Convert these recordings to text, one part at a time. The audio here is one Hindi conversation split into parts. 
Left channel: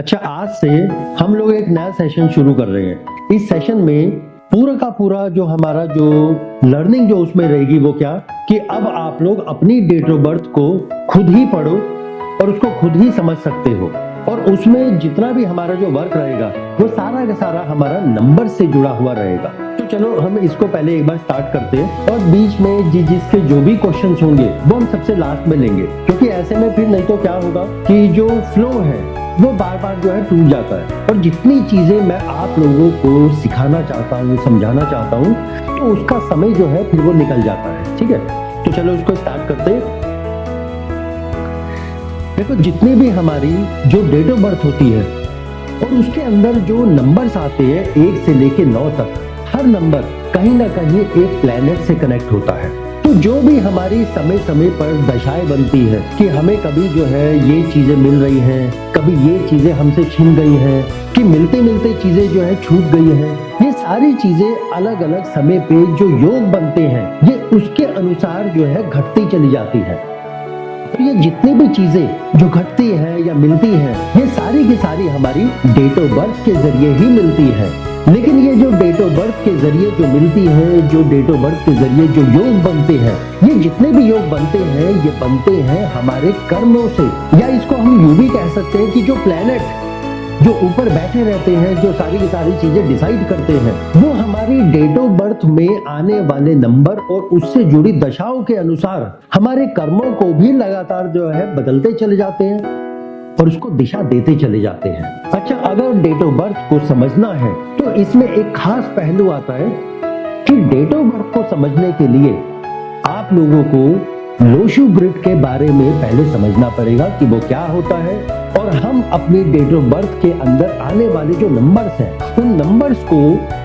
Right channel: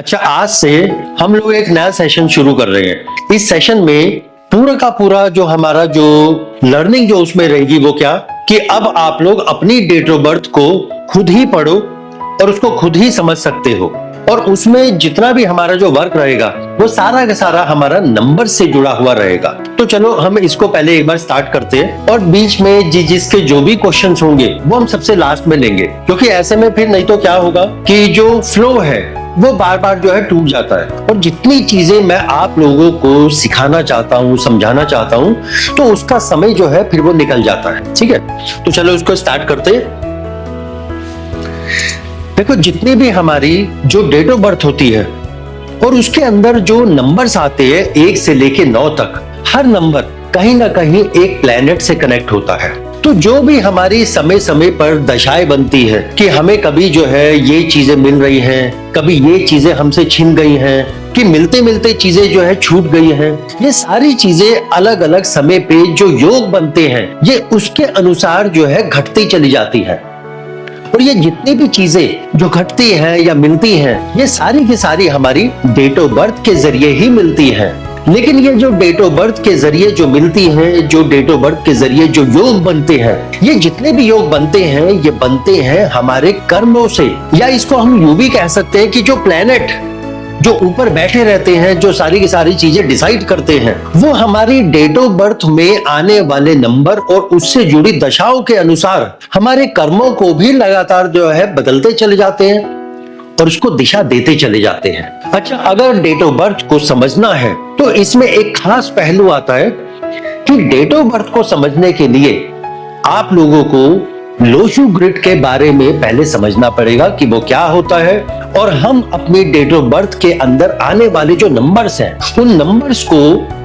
अच्छा, आज से हम लोग एक नया सेशन शुरू कर रहे हैं। इस सेशन में पूरा का पूरा जो हमारा जो लर्निंग जो उसमें रहेगी वो क्या कि अब आप लोग अपनी डेट ऑफ बर्थ को खुद ही पढ़ो और उसको खुद ही समझ सकते हो, और उसमें जितना भी हमारा जो वर्क रहेगा वो सारा का सारा हमारा नंबर से जुड़ा हुआ रहेगा। तो चलो हम इसको पहले एक बार स्टार्ट करते हैं, और बीच में जिसके जो भी क्वेश्चंस होंगे वो हम सबसे लास्ट में लेंगे, क्योंकि ऐसे में फिर नहीं तो क्या होगा कि जो फ्लो है वो बार बार जो है टूट जाता है। और जितनी चीजें मैं आप लोगों को सिखाना चाहता हूँ, समझाना चाहता हूँ, तो उसका समय जो है फिर वो निकल जाता है। ठीक है, तो चलो उसको स्टार्ट करते हैं। देखो, जितनी भी हमारी जो डेट ऑफ बर्थ होती है और उसके अंदर जो नंबर्स आते हैं 1 से लेके 9 तक, हर नंबर कहीं ना कहीं एक प्लेनेट से कनेक्ट होता है। तो जो भी हमारी समय समय पर दशाएं बनती है कि हमें कभी जो है ये चीजें मिल रही हैं, कभी ये चीजें हमसे छिन गई हैं, कि मिलते मिलते चीजें जो है छूट गई हैं, ये सारी चीजें अलग अलग समय पे जो योग बनते हैं ये उसके अनुसार जो है घटती चली जाती है। और ये जितनी भी चीजें जो घटती हैं या मिलती हैं ये सारी की सारी हमारी डेट ऑफ बर्थ के जरिए ही मिलती हैं। लेकिन ये जो डेट ऑफ बर्थ के जरिए जो मिलती हैं, जो डेट ऑफ बर्थ के जरिए जो योग बनते हैं, ये जितने भी योग बनते हैं ये बनते हैं हमारे कर्मों से, या इसको हम यूं भी कह सकते हैं कि जो प्लेनेट जो ऊपर बैठे रहते हैं, जो सारी की सारी चीजें डिसाइड करते हैं, वो हमारी डेट ऑफ बर्थ में आने वाले नंबर और उससे जुड़ी दशाओं के अनुसार हमारे कर्मों को भी लगातार जो है बदलते चले जाते हैं और उसको दिशा देते चले जाते हैं। अच्छा, अगर डेट ऑफ बर्थ को समझना है तो इसमें एक खास पहलू आता है कि डेट ऑफ बर्थ को समझने के लिए आप लोगों को लोशु ग्रिड के बारे में पहले समझना पड़ेगा कि वो क्या होता है, और हम अपनी डेट ऑफ बर्थ के अंदर आने वाले जो नंबर्स हैं उन नंबर्स को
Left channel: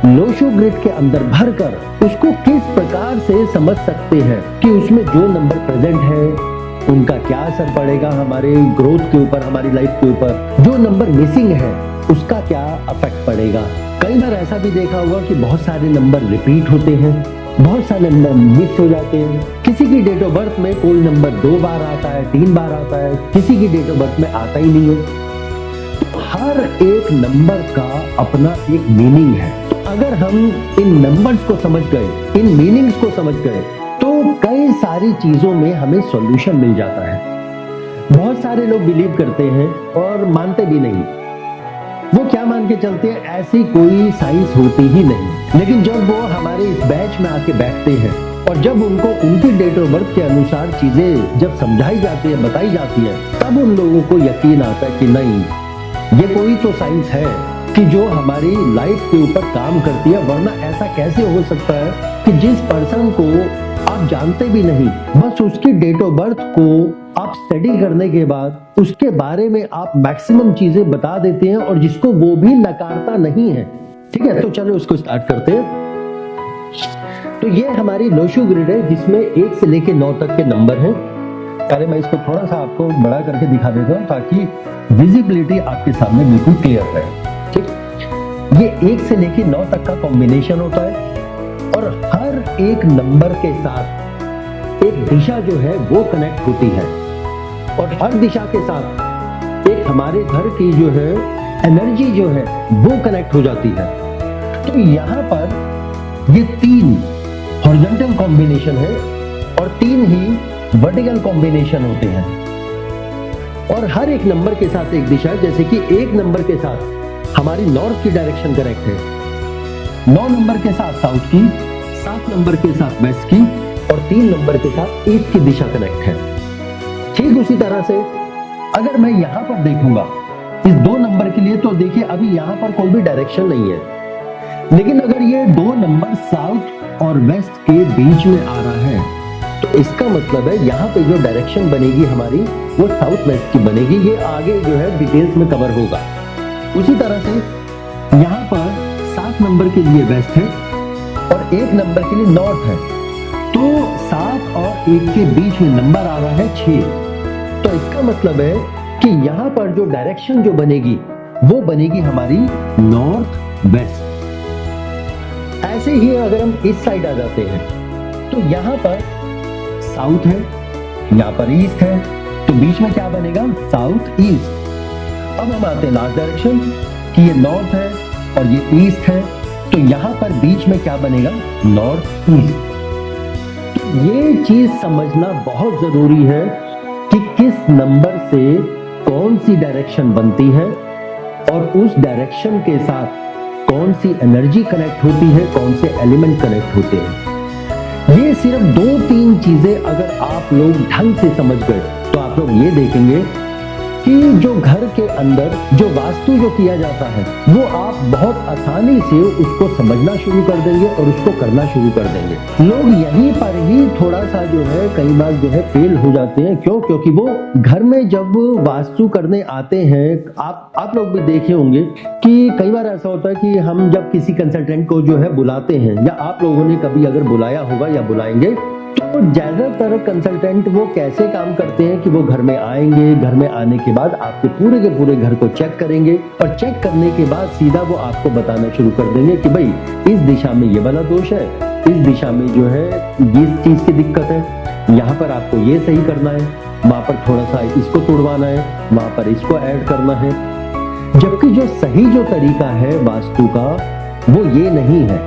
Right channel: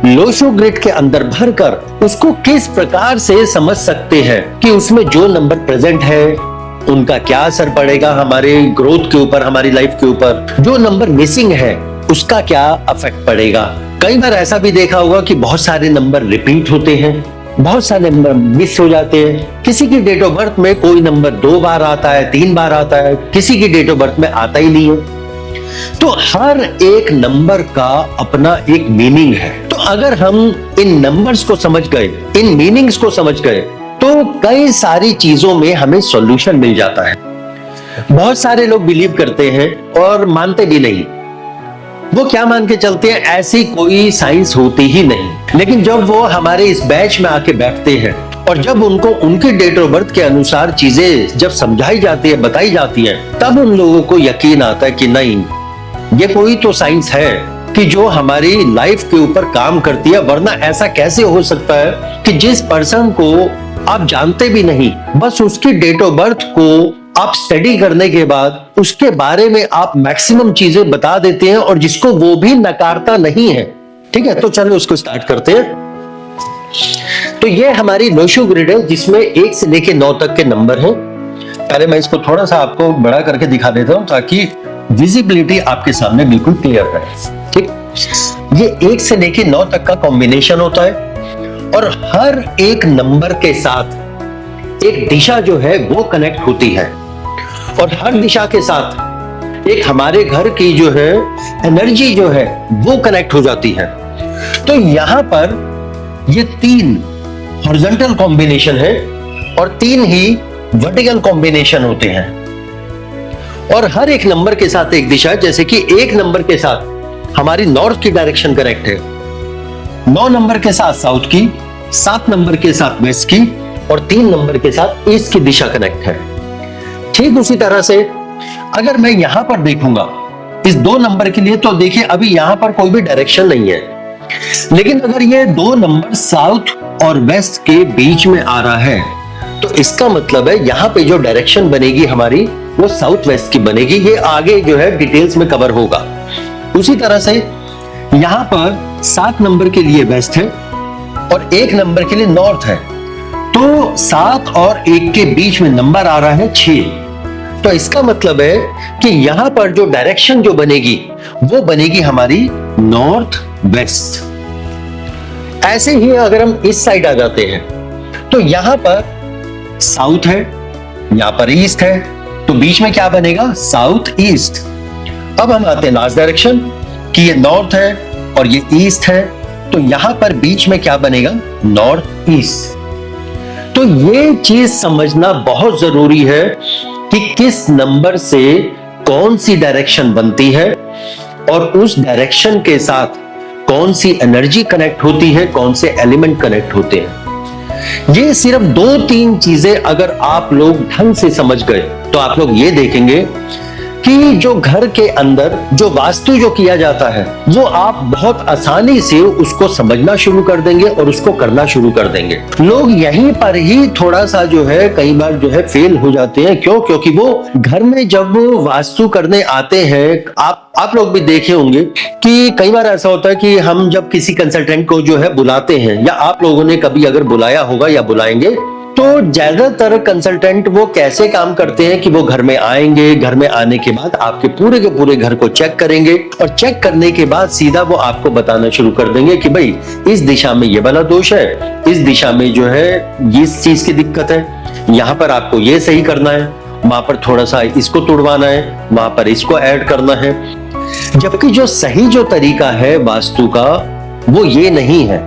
लोशु ग्रिड के अंदर भरकर उसको किस प्रकार से समझ सकते हैं कि उसमें जो नंबर प्रेजेंट है उनका क्या असर पड़ेगा हमारे ग्रोथ के ऊपर, हमारी लाइफ के ऊपर, जो नंबर मिसिंग है उसका क्या इफेक्ट पड़ेगा। कई बार ऐसा भी देखा होगा कि बहुत सारे नंबर रिपीट होते हैं, बहुत सारे नंबर मिस हो जाते हैं। किसी की डेट ऑफ बर्थ में कोई नंबर 2 बार आता है, 3 बार आता है, किसी की डेट ऑफ बर्थ में आता ही नहीं है। तो हर एक नंबर का अपना एक मीनिंग है। तो अगर हम इन नंबर्स को समझ गए, इन मीनिंग्स को समझ गए, तो कई सारी चीजों में हमें सॉल्यूशन मिल जाता है। बहुत सारे लोग बिलीव करते हैं और मानते भी नहीं। वो क्या मान के चलते हैं, ऐसी कोई साइंस होती ही नहीं। लेकिन जब वो हमारे इस बैच में आके बैठते हैं और जब उनको उनकी डेट ऑफ बर्थ के अनुसार चीजें जब समझाई जाती है, बताई जाती है, तब उन लोगों को यकीन आता है कि नहीं, ये कोई तो साइंस है कि जो हमारी लाइफ के ऊपर काम करती है। वरना ऐसा कैसे हो सकता है कि जिस पर्सन को आप जानते भी नहीं, बस उसकी डेट ऑफ बर्थ को आप स्टडी करने के बाद उसके बारे में आप मैक्सिमम चीजें बता देते हैं, और जिसको वो भी नकारता नहीं है। ठीक है, तो चलो उसको स्टार्ट करते हैं। तो ये हमारी लोशु ग्रिड है जिसमें 1 से लेके 9 तक के नंबर हैं। पहले मैं इसको थोड़ा सा आपको बड़ा करके दिखा देता हूं ताकि विजिबिलिटी आपके सामने बिल्कुल क्लियर रहे। ठीक, ये 1 से लेके 9 तक का कॉम्बिनेशन होता है, और हर एक नंबर के साथ एक दिशा जो है वो कनेक्ट होती है, और हर दिशा के साथ एक हमारे घर की जो है एनर्जी जो है वो कनेक्ट हो जाती है। तो यहां पर ये 3 हॉरिजॉन्टल कॉम्बिनेशन है और 3 ही वर्टिकल कॉम्बिनेशन होते हैं, और हर एक नंबर के साथ एक दिशा। जैसे कि 1 नंबर के साथ हमारी नॉर्थ की डायरेक्शन कनेक्ट है, 9 नंबर के साथ साउथ की, 7 नंबर के साथ वेस्ट की, और 3 नंबर के साथ ईस्ट की दिशा कनेक्ट है। ठीक उसी तरह से अगर मैं यहां पर देखूंगा इस 2 नंबर के लिए, तो देखिए अभी यहां पर कोई भी डायरेक्शन नहीं है, लेकिन अगर ये 2 नंबर साउथ और वेस्ट के बीच में आ रहा है तो इसका मतलब है यहां पे जो डायरेक्शन बनेगी हमारी वो साउथ वेस्ट की बनेगी। ये आगे जो है डिटेल्स में कवर होगा। उसी तरह से यहां पर 7 नंबर के लिए वेस्ट है और 1 नंबर के लिए नॉर्थ है, तो 7 और 1 के बीच में नंबर आ रहा है 6। तो इसका मतलब है कि यहां पर जो डायरेक्शन जो बनेगी वो बनेगी हमारी नॉर्थ वेस्ट। ऐसे ही अगर हम इस साइड आ जाते हैं तो यहां पर साउथ है, यहां पर ईस्ट है, तो बीच में क्या बनेगा, साउथ ईस्ट। अब हम आते हैं लास्ट डायरेक्शन कि ये नॉर्थ है और ये ईस्ट है, तो यहां पर बीच में क्या बनेगा? North east. तो ये चीज समझना बहुत जरूरी है कि किस नंबर से कौन सी डायरेक्शन बनती है और उस डायरेक्शन के साथ कौन सी एनर्जी कनेक्ट होती है, कौन से एलिमेंट कनेक्ट होते हैं। ये सिर्फ 2-3 चीजें अगर आप लोग ढंग से समझ गए तो आप लोग ये देखेंगे कि जो घर के अंदर जो वास्तु जो किया जाता है वो आप बहुत आसानी से उसको समझना शुरू कर देंगे और उसको करना शुरू कर देंगे। लोग यहीं पर ही थोड़ा सा जो है कई बार जो है फेल हो जाते हैं। क्यों? क्योंकि वो घर में जब वास्तु करने आते हैं, आप लोग भी देखे होंगे कि कई बार ऐसा होता है कि हम जब किसी कंसल्टेंट को जो है बुलाते हैं, या आप लोगों ने कभी अगर बुलाया होगा या बुलाएंगे, तो ज्यादातर कंसल्टेंट वो कैसे काम करते हैं कि वो घर में आएंगे, घर में आने के बाद आपके पूरे के पूरे घर को चेक करेंगे और चेक करने के बाद सीधा वो आपको बताना शुरू कर देंगे कि भाई इस दिशा में ये वाला दोष है, इस दिशा में जो है इस चीज की दिक्कत है, यहाँ पर आपको ये सही करना है, वहां पर थोड़ा सा इसको तोड़वाना है, वहां पर इसको ऐड करना है। जबकि जो सही जो तरीका है वास्तु का वो ये नहीं है।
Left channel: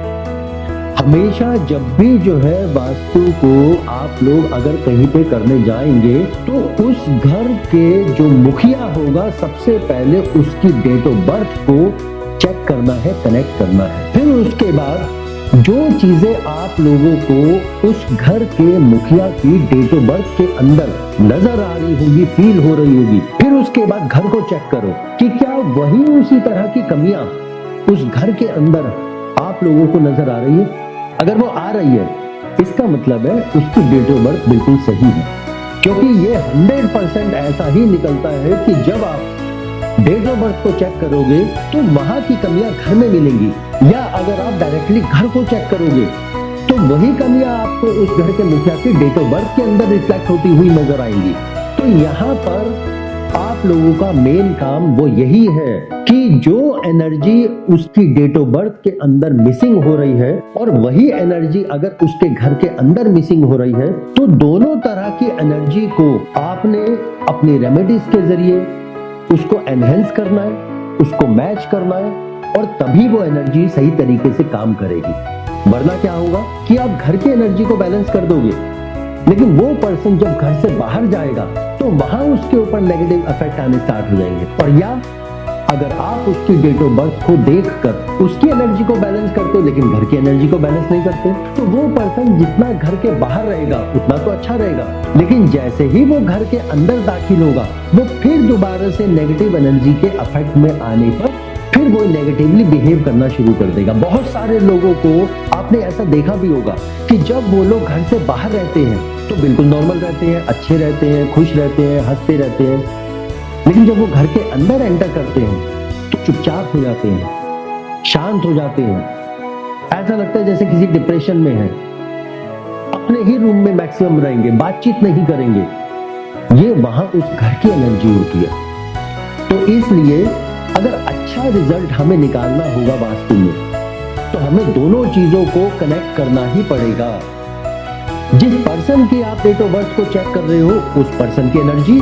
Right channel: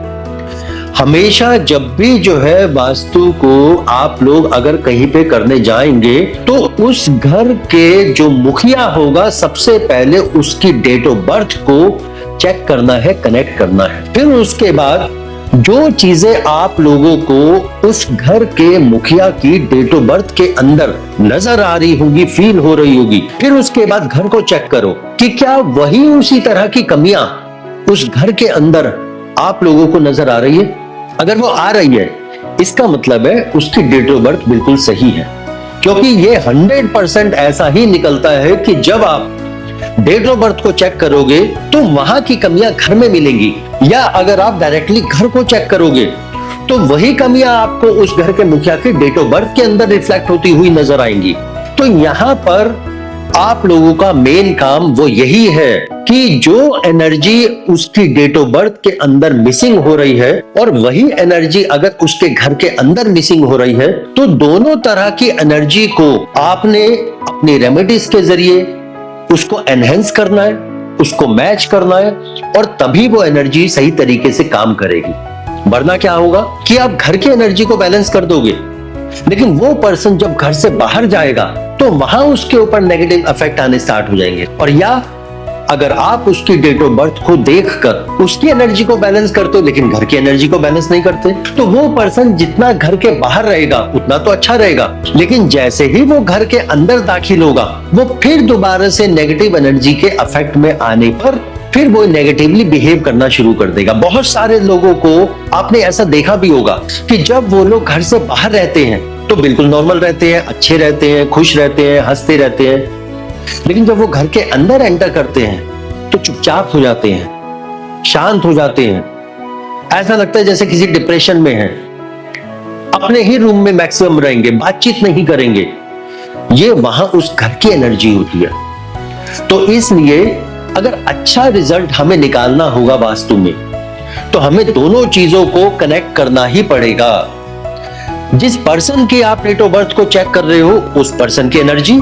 हमेशा जब भी जो है वास्तु को आप लोग अगर कहीं पे करने जाएंगे तो उस घर के जो मुखिया होगा सबसे पहले उसकी डेट ऑफ बर्थ को चेक करना है, कनेक्ट करना है। फिर उसके बाद जो चीजें आप लोगों को उस घर के मुखिया की डेट ऑफ बर्थ के अंदर नजर आ रही होगी, फील हो रही होगी, फिर उसके बाद घर को चेक करो कि क्या वही उसी तरह की कमियां उस घर के अंदर आप लोगों को नजर आ रही है। अगर वो आ रही है इसका मतलब है उसकी डेट ऑफ बर्थ बिल्कुल सही है, क्योंकि ये 100% ऐसा ही निकलता है कि जब आप डेट ऑफ बर्थ को चेक करोगे तो वहां की कमियां घर में मिलेंगी, या अगर आप डायरेक्टली घर को चेक करोगे तो वही कमियां आपको उस घर के मुखिया के डेट ऑफ बर्थ के अंदर रिफ्लेक्ट होती हुई नजर आएंगी। तो यहां पर आप लोगों का मेन काम वो यही है कि जो एनर्जी उसकी डेट ऑफ बर्थ के अंदर मिसिंग हो रही है और वही एनर्जी अगर उसके घर के अंदर मिसिंग हो रही है, तो दोनों तरह की एनर्जी को आपने अपनी रेमेडीज के जरिए उसको एनहेंस करना है, उसको मैच करना है, और तभी वो एनर्जी सही तरीके से काम करेगी। वरना क्या होगा कि आप घर की एनर्जी को बैलेंस कर दोगे, लेकिन वो पर्सन जब घर से बाहर जाएगा तो वहां उसके ऊपर नेगेटिव इफेक्ट आने स्टार्ट हो जाएंगे। और या अगर आप उसकी डेट ऑफ बर्थ को देखकर उसकी एनर्जी को बैलेंस करते हो लेकिन घर की एनर्जी को बैलेंस नहीं करते, तो वो पर्सन जितना घर के बाहर रहेगा उतना तो अच्छा रहेगा, लेकिन जैसे ही वो घर के अंदर दाखिल होगा वो फिर दोबारा से नेगेटिव एनर्जी के इफेक्ट में आने पर फिर वो नेगेटिवली बिहेव करना शुरू कर देगा। बहुत सारे लोगों को आपने ऐसा देखा भी होगा कि जब वो लोग घर से बाहर रहते हैं तो बिल्कुल नॉर्मल रहते हैं, अच्छे रहते हैं, खुश रहते हैं, हंसते रहते हैं, लेकिन जब वो घर के अंदर एंटर करते हैं तो चुपचाप हो जाते हैं, शांत हो जाते हैं, ऐसा लगता है जैसे किसी डिप्रेशन में है, अपने ही रूम में मैक्सिमम रहेंगे, बातचीत नहीं करेंगे। ये वहां उस घर की एनर्जी होती है। तो इसलिए अगर अच्छा रिजल्ट हमें निकालना होगा वास्तु में तो हमें दोनों चीजों को कनेक्ट करना ही पड़ेगा। जिस पर्सन की आप डेट ऑफ बर्थ को चेक कर रहे हो उस पर्सन की एनर्जी,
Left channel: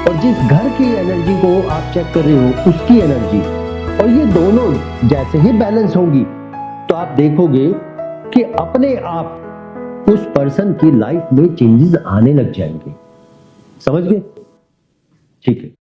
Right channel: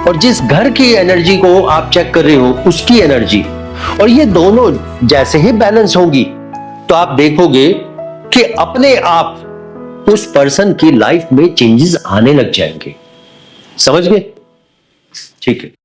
और जिस घर की एनर्जी को आप चेक कर रहे हो उसकी एनर्जी, और ये दोनों जैसे ही बैलेंस होंगी तो आप देखोगे कि अपने आप उस पर्सन की लाइफ में चेंजेस आने लग जाएंगे। समझ गए? ठीक है।